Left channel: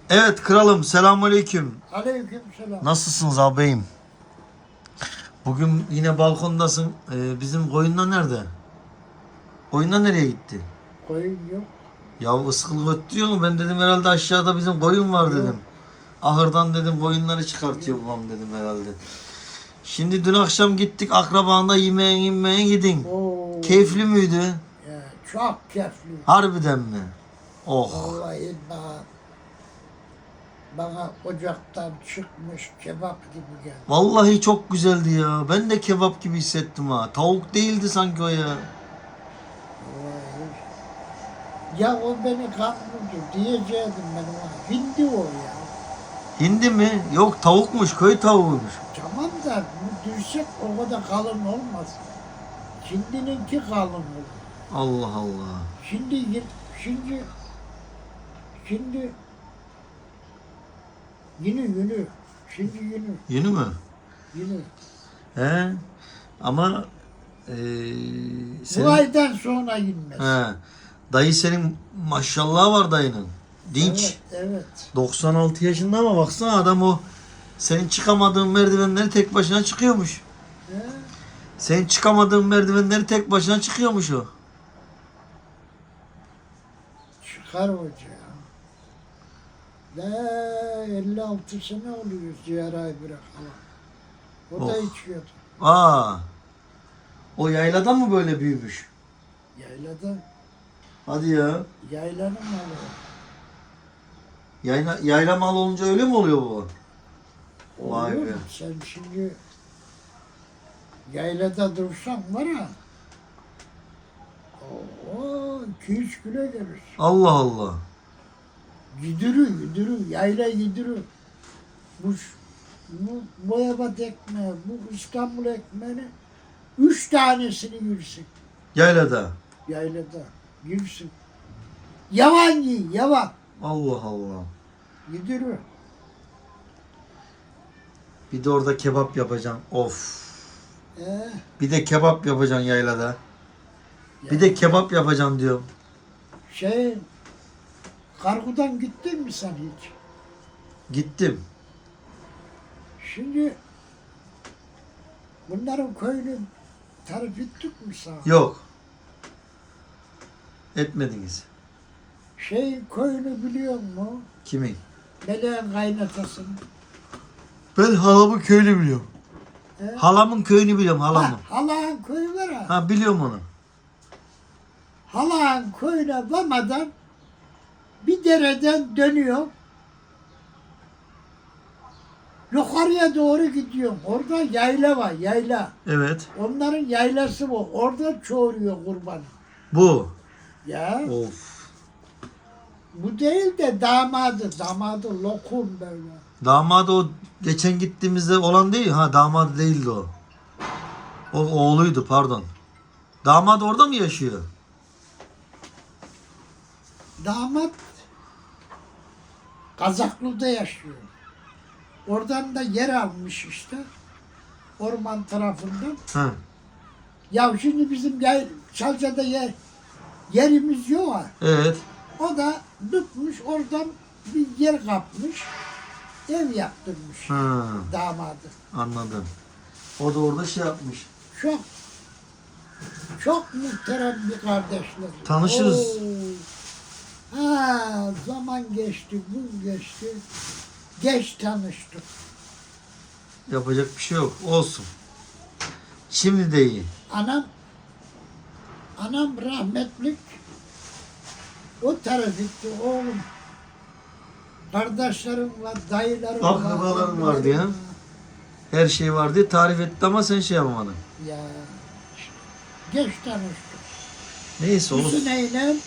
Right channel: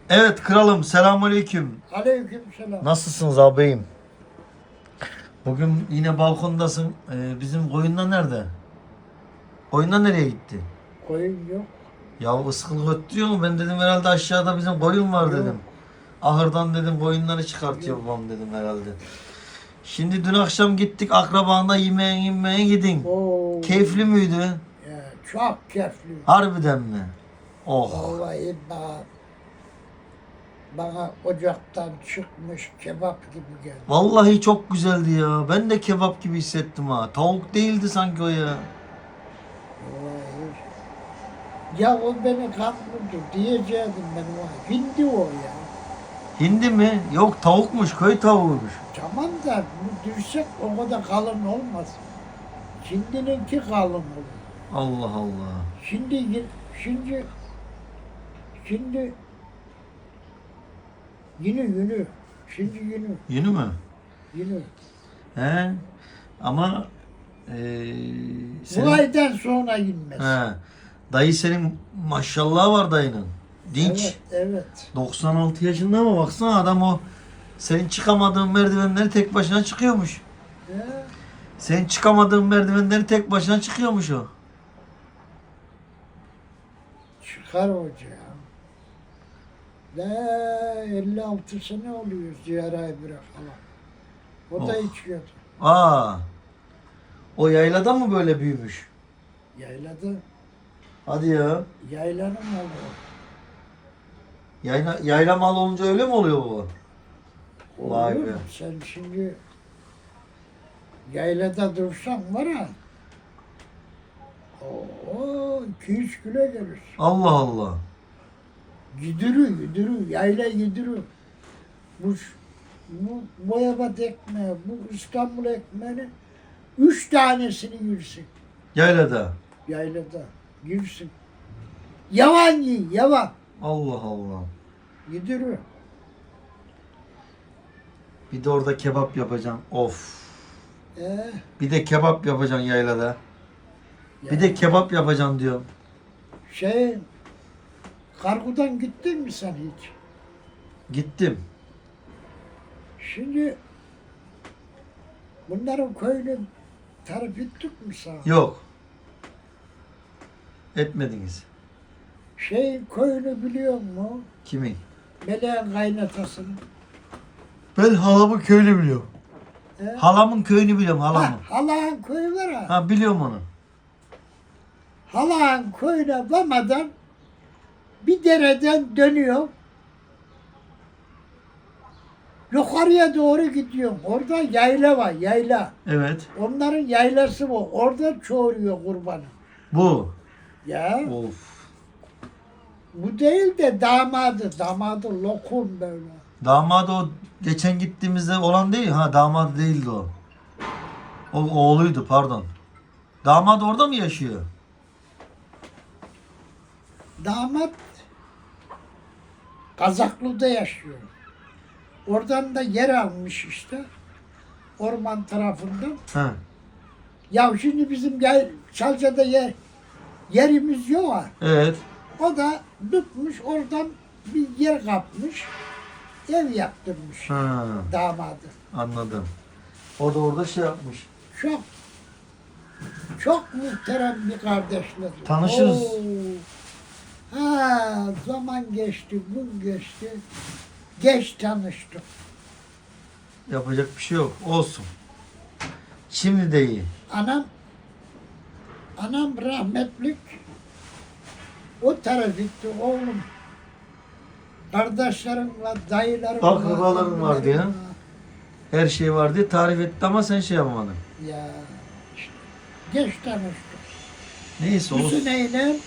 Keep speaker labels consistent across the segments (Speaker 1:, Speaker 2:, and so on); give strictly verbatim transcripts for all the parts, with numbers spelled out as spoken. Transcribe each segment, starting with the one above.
Speaker 1: Evet kralım, selamünaleyküm.
Speaker 2: Aleykümselam.
Speaker 1: Nasılsınız ağabeyim? Bugün yine balkondasın. Ee, bizim koyunlar nerede? Koyunlar nereye gitti?
Speaker 2: Koyun yok.
Speaker 1: Ya ıskılık ötüyor mu? Ben dedim herhalde aşağıda bizim koyun var dedim.
Speaker 2: Yok.
Speaker 1: Ahırdan dedim koyunları çıkartıyor babam dedim herhalde. Şimdi dün akşam gittik akrabanda yemeğe yemeğe gidin.
Speaker 2: Oo.
Speaker 1: Keyifli müydü?
Speaker 2: Ya, çok keyifli.
Speaker 1: Harbiden mi? Oh.
Speaker 2: Vallahi bana, bana ocaktan çıkmış kebap gibi geldi.
Speaker 1: Vallahi çok güzeldi ya. Ben de kebap gibi hissettim ha. Tavuk değildi sanki o ya.
Speaker 2: Vallahi. Ya o beni kandırdı diyecektim ben ona. Hindi o ya.
Speaker 1: Hindi mi? Yok tavukmuş, köy tavuğuymuş.
Speaker 2: Tamam da bu düşsek o kadar kalın olmaz. Hindininki kalın olur.
Speaker 1: Allah Allah.
Speaker 2: Şimdi şimdi şimdi yünü yünü. Şimdi yünü
Speaker 1: Yünü mü?
Speaker 2: yünü.
Speaker 1: He. Ama eee
Speaker 2: Bu
Speaker 1: senin,
Speaker 2: aydan sonra yünmez.
Speaker 1: he, dayı senin maşallah var dayının. Dinç.
Speaker 2: Evet, evet.
Speaker 1: doksan altı yaşında ama baksana adam o senin çıkamadığın merdivenleri tek başına çıkıyormuş.
Speaker 2: He?
Speaker 1: Senin çıkamadığın merdivenleri tek başına çıkıyormuş o.
Speaker 2: Çıkar hoca. Ne elli altı sene oluyor ziyaret bırakalı. O da
Speaker 1: Oh.
Speaker 2: içiyordu.
Speaker 1: Aa. O yaylada mı böyle büyümüş?
Speaker 2: Yaylada,
Speaker 1: Hadi ya.
Speaker 2: yaylanın malı o.
Speaker 1: Yayla, yayla mal olunca öyle mi oluyor baba? Vay
Speaker 2: Olur
Speaker 1: be.
Speaker 2: mu? Sen şimdi yaylada dursan var ha. Oo, iki üç kilo gelirsin.
Speaker 1: Allah Allah.
Speaker 2: Güdürü, güdürü, yayla güdürü. Bu, ş- bu boyabat ekmeği, bu İstanbul ekmeğini üç tanesini yürüsün
Speaker 1: Yaylada.
Speaker 2: yaylada. Yürüsün. Yavan yiyin, yavan.
Speaker 1: Allah Allah.
Speaker 2: Güdürü.
Speaker 1: Bir de orada kebap yapacaksın. Of.
Speaker 2: Ee,
Speaker 1: Bir de kebap yapacaksın yaylada. Bir
Speaker 2: ya,
Speaker 1: de kebap yapacaksın diyorum.
Speaker 2: şey, Kargu'dan gittin mi sen hiç?
Speaker 1: Gittim.
Speaker 2: Şimdi bunların köyünü tarif ettik mi sana?
Speaker 1: Yok. Etmediniz.
Speaker 2: Şey köyünü biliyor musun?
Speaker 1: Kimin?
Speaker 2: Meleğin kaynatasını.
Speaker 1: Ben halamın köyünü biliyorum.
Speaker 2: He?
Speaker 1: Halamın köyünü biliyorum halamın.
Speaker 2: Ha, Halağın köyü var ha.
Speaker 1: Ha biliyorum onu.
Speaker 2: Halağın köyüne varmadan bir dereden dönüyor. Yukarıya doğru gidiyorum. Orada yayla var, yayla.
Speaker 1: Evet.
Speaker 2: Onların yaylası bu. Orada çoğuruyor kurbanı.
Speaker 1: Bu.
Speaker 2: Ya
Speaker 1: Of.
Speaker 2: bu değil de damadı. Damadı lokum böyle.
Speaker 1: Damadı o geçen gittiğimizde olan değil. Ha damadı değildi o. O oğluydu pardon. Damat orada mı yaşıyor?
Speaker 2: Damat Kazaklı'da yaşıyor. Oradan da yer almış işte. Orman tarafından.
Speaker 1: Ha.
Speaker 2: Ya şimdi bizim yay, Çalca'da yer, yerimiz yok ha.
Speaker 1: Evet.
Speaker 2: O da tutmuş oradan bir yer kapmış. Ev yaptırmış
Speaker 1: Ha.
Speaker 2: damadı.
Speaker 1: Anladım. O da orada şey yapmış.
Speaker 2: Çok çok muhterem bir kardeşler.
Speaker 1: Tanışırız.
Speaker 2: Oo. Ha, zaman geçti, gün geçti. Geç tanıştık.
Speaker 1: Yapacak bir şey yok. Olsun. Şimdi de iyi.
Speaker 2: Anam anam rahmetlik o taraf gitti oğlum. Kardeşlerim var, dayılarım var.
Speaker 1: Akrabalarım vardı
Speaker 2: emmilerim
Speaker 1: ya.
Speaker 2: var.
Speaker 1: Her şey var diye tarif etti ama sen şey yapamadın.
Speaker 2: Ya işte, geç tanıştık.
Speaker 1: Neyse
Speaker 2: Bu
Speaker 1: olsun.
Speaker 2: seneyle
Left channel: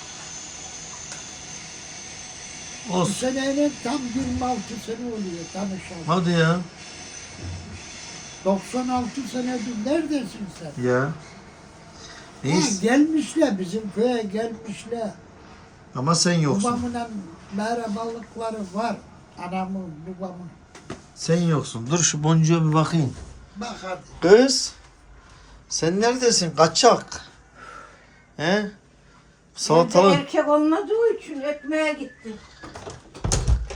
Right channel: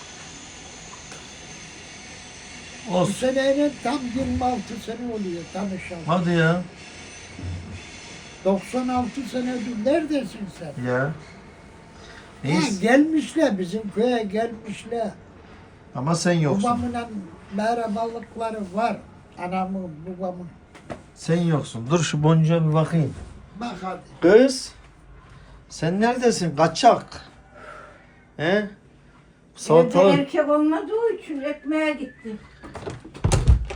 Speaker 2: bu
Speaker 1: Olsun.
Speaker 2: seneyle tam yirmi altı sene oluyor tanışalım.
Speaker 1: Hadi ya.
Speaker 2: doksan altı senedir neredesin sen?
Speaker 1: Ya.
Speaker 2: Ha,
Speaker 1: Neyse.
Speaker 2: gelmişler bizim köye gelmişler.
Speaker 1: Ama sen yoksun.
Speaker 2: Babamla merhabalıkları var. Anamın, babamın.
Speaker 1: Sen yoksun. Dur şu boncuğa bir bakayım.
Speaker 2: Bak hadi.
Speaker 1: Kız. Sen neredesin? Kaçak. He?
Speaker 3: Evde
Speaker 1: Salatalık.
Speaker 3: erkek olmadığı için ekmeğe gitti.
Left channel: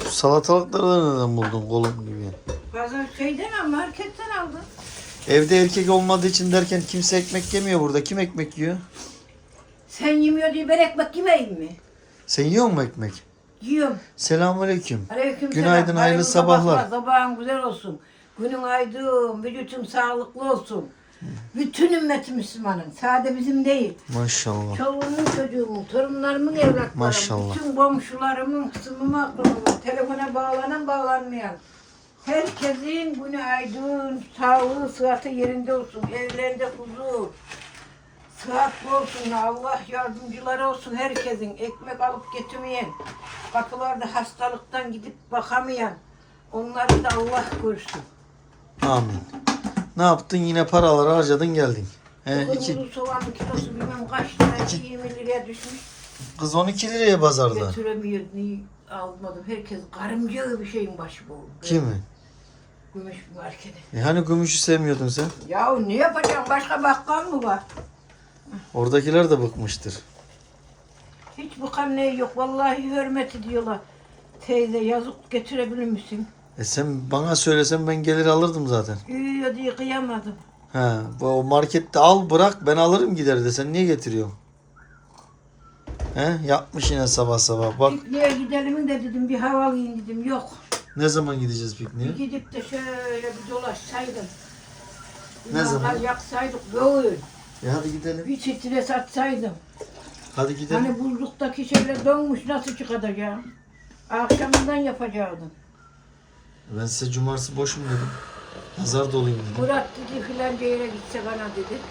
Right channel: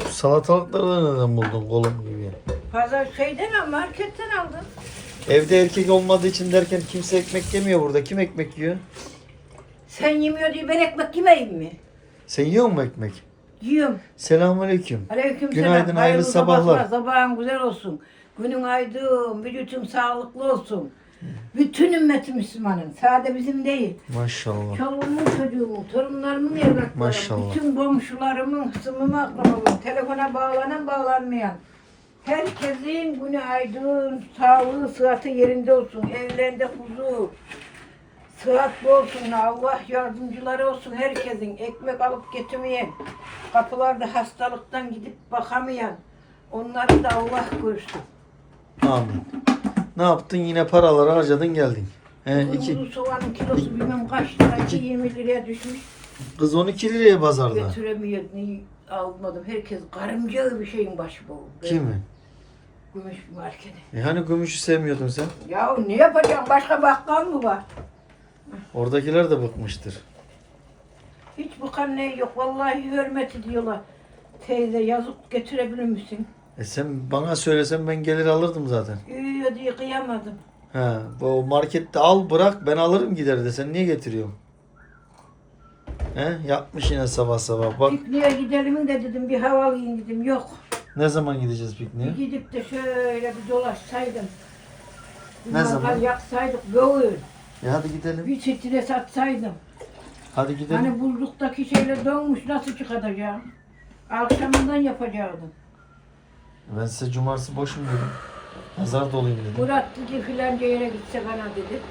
Speaker 1: salatalıkları da neden buldun kolum gibi?
Speaker 3: Pazar şeyden al, marketten aldım.
Speaker 1: Evde erkek olmadığı için derken kimse ekmek yemiyor burada. Kim ekmek yiyor?
Speaker 3: Sen yemiyor diye ben ekmek yemeyeyim mi?
Speaker 1: Sen yiyor musun ekmek?
Speaker 3: Yiyorum.
Speaker 1: Selamünaleyküm.
Speaker 3: Aleyküm
Speaker 1: Günaydın,
Speaker 3: selam.
Speaker 1: hayırlı sabahlar.
Speaker 3: Sabahın güzel olsun. Günün aydın, vücutun sağlıklı olsun. Bütün ümmeti Müslümanın. Sade bizim değil.
Speaker 1: Maşallah.
Speaker 3: Çoluğumun, çocuğumun, torunlarımın, evlatlarımın,
Speaker 1: Maşallah.
Speaker 3: bütün komşularımın, hısımımın, akrabamın, telefona bağlanan, bağlanmayan. Herkesin günü aydın, sağlığı, sıhhati yerinde olsun. Evlerinde huzur. Sıhhatli olsun. Allah yardımcıları olsun herkesin. Ekmek alıp getirmeyen, kapılarda hastalıktan gidip bakamayan. Onları da Allah korusun.
Speaker 1: Amin. Ne yaptın? Yine paraları harcadın geldin. He, iki,
Speaker 3: Kuru soğanın kilosu bilmem kaç lira,
Speaker 1: iki-
Speaker 3: yirmi liraya düşmüş.
Speaker 1: kız on iki liraya pazarda.
Speaker 3: Götüremiyor, niye almadım. Herkes karınca bir şeyin başı bu.
Speaker 1: Kim mi?
Speaker 3: Gümüş markete.
Speaker 1: E hani gümüşü sevmiyordun sen?
Speaker 3: Ya ne yapacağım? Başka bakkal mı var?
Speaker 1: Oradakiler de bıkmıştır.
Speaker 3: Hiç bu kan ne yok. Vallahi hürmet ediyorlar. Teyze yazık getirebilir misin?
Speaker 1: E sen bana söylesen ben gelir alırdım zaten.
Speaker 3: Uyuyor diye kıyamadım.
Speaker 1: He, bu markette al bırak ben alırım gider de sen niye getiriyorsun? He, yapmış yine sabah sabah. Bak
Speaker 3: Pikniğe gidelim de dedim, bir hava alayım dedim. Yok.
Speaker 1: ne zaman gideceğiz pikniğe?
Speaker 3: Bir gidip de şöyle bir dolaşsaydım. Bir
Speaker 1: Ne zaman?
Speaker 3: mangal yaksaydık böyle.
Speaker 1: E hadi gidelim.
Speaker 3: Bir stres atsaydım.
Speaker 1: Hadi gidelim.
Speaker 3: Hani buzluktaki şeyler donmuş, nasıl çıkaracağım? Akşamından yapacaktım.
Speaker 1: Ben size cumartesi boşum dedim. Pazar dolayım dedim.
Speaker 3: Murat dedi filanca yere gitse bana dedi.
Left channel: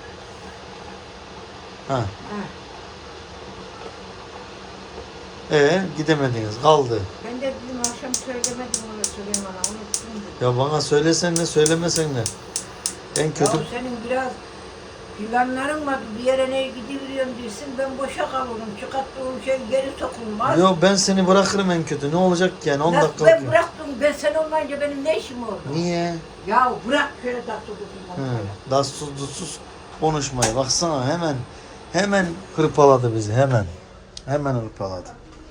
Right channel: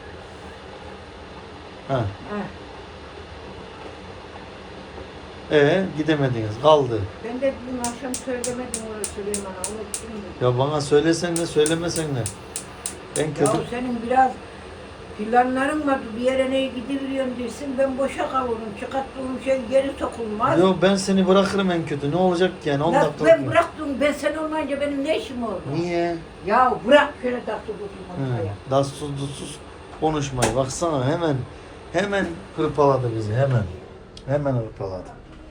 Speaker 1: Ha.
Speaker 3: Ah,
Speaker 1: E gidemediniz kaldı.
Speaker 3: ben de dedim akşam söylemedim öyle Süleyman'a, unuttum dedim.
Speaker 1: Ya bana söylesen ne söylemesen ne? En kötü
Speaker 3: Ya senin biraz planların var, bir yere ne gidiyorum dersin, ben boşa kavururum, çıkarttığım şey geri sokulmaz.
Speaker 1: Yo ben seni bırakırım en kötü. Ne olacak ki yani on
Speaker 3: Lan
Speaker 1: dakika.
Speaker 3: ben bıraktım, ben sen olmayınca benim ne işim oldu?
Speaker 1: Niye?
Speaker 3: Ya bırak şöyle tatlı durayım
Speaker 1: Hı.
Speaker 3: ortaya.
Speaker 1: Dassuz dutsuz konuşmayı. Baksana hemen hemen hırpaladı bizi hemen. Hemen hırpaladı.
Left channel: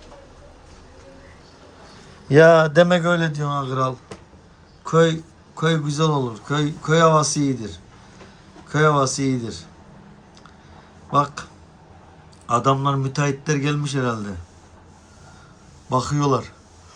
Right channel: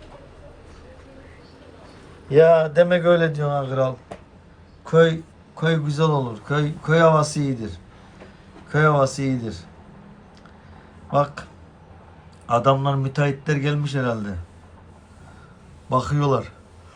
Speaker 1: Ya demek öyle diyorsun ha kral. Köy köy güzel olur. Köy köy havası iyidir. Köy havası iyidir. Bak adamlar müteahhitler gelmiş herhalde. Bakıyorlar.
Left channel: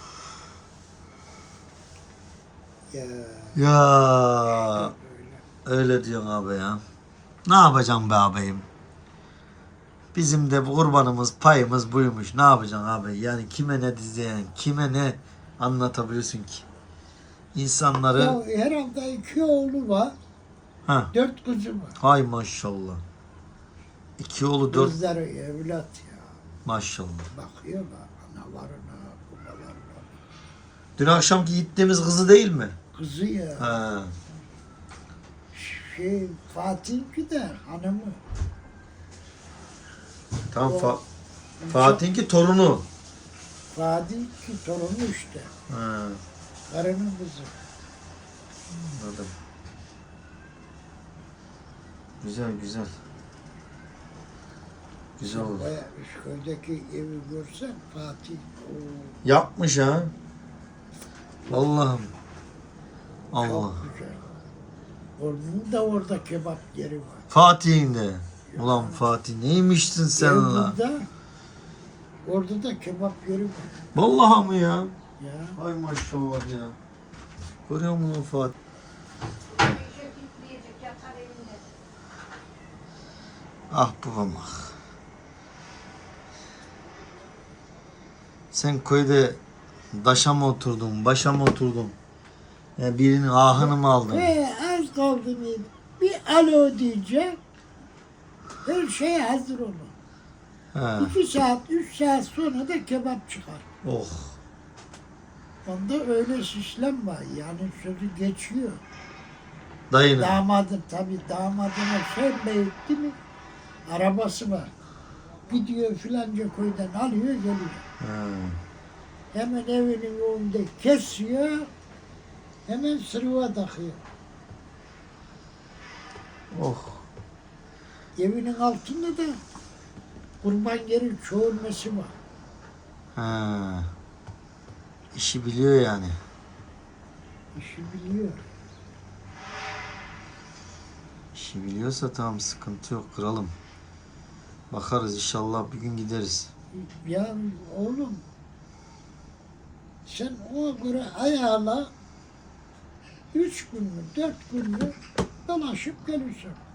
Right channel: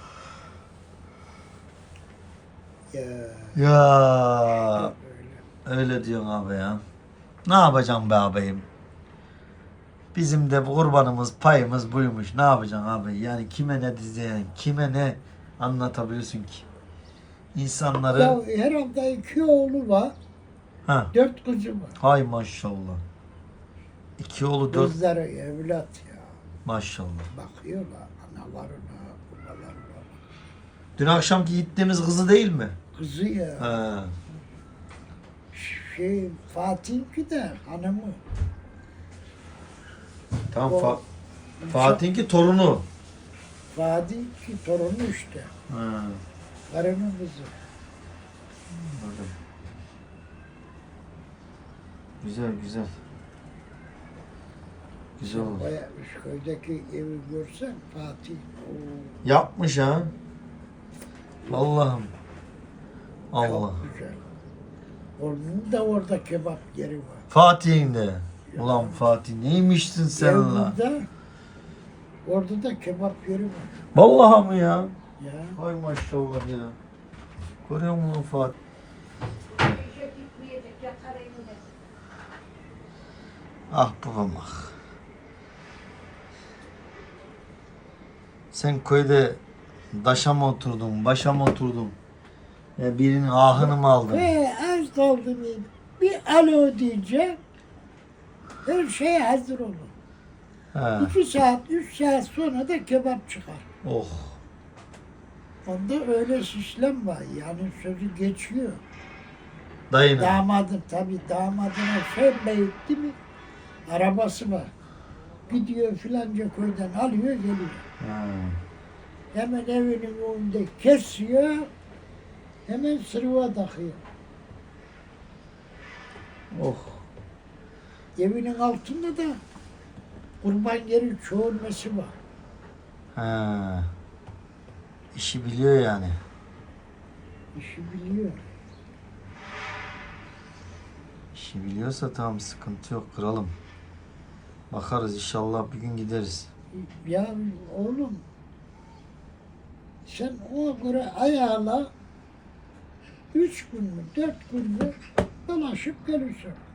Speaker 2: Ya
Speaker 1: Ya
Speaker 2: öyle.
Speaker 1: öyle diyorsun abi ya. Ne yapacağım be ağabeyim? Bizim de kurbanımız, payımız buymuş. Ne yapacaksın abi? Yani kime ne diyeceksin, kime ne anlatabilirsin ki? İnsanları...
Speaker 2: Ya herhalde iki oğlu var,
Speaker 1: Ha,
Speaker 2: dört kızı var.
Speaker 1: hay maşallah. İki oğlu dört,
Speaker 2: Kızları evlat ya.
Speaker 1: maşallah.
Speaker 2: Bakıyorlar analarına, babalarına.
Speaker 1: Dün akşamki gittiğimiz kızı değil mi?
Speaker 2: Kızı ya.
Speaker 1: Ha.
Speaker 2: Şey Fatih'inki de hanımı.
Speaker 1: Tamam,
Speaker 2: O-
Speaker 1: Fa- Fatih'inki torunu.
Speaker 2: Fatih'inki torunu işte.
Speaker 1: Ha,
Speaker 2: Karının kızı.
Speaker 1: anladım. Güzel, güzel. Güzel oldu.
Speaker 2: Baya Üsköy'deki evi görsen Fatih. O
Speaker 1: Yapmış ha. Allah'ım. Allah.
Speaker 2: çok güzel. Onun da orada kebap yeri var.
Speaker 1: Fatih'in de. Ulan Fatih neymişsin sen la?
Speaker 2: Evlida, orada da kebap yeri var.
Speaker 1: Vallahi mı ya?
Speaker 2: Ya.
Speaker 1: Ay maşallah ya. Görüyor musun Fatih? Ah babam ah. Sen köyde daşa mı oturdun, başa mı oturdun? Ya birinin ahını mı aldın?
Speaker 2: Ve az kaldı mıydı? Bir alo diyecek. Her şey hazır olur.
Speaker 1: He.
Speaker 2: İki saat, üç saat sonra da kebap çıkar.
Speaker 1: Oh.
Speaker 2: Onda öyle sistem var. Yani sözü geçiyor.
Speaker 1: Dayının.
Speaker 2: Damadım tabii damadına şey beyitti mi? Arabası var. Gidiyor filanca köyden alıyor geliyor.
Speaker 1: Ha.
Speaker 2: Hemen evinin önünde kesiyor. Hemen sırıva takıyor.
Speaker 1: Oh.
Speaker 2: Evinin altında da kurban yeri çoğulması var.
Speaker 1: Ha. işi biliyor yani.
Speaker 2: İşi biliyor.
Speaker 1: İşi biliyorsa tamam, sıkıntı yok kralım. Bakarız inşallah, bir gün gideriz.
Speaker 2: Ya oğlum, sen ona göre ayağla üç gün mü, dört gün mü dolaşıp gelirsin.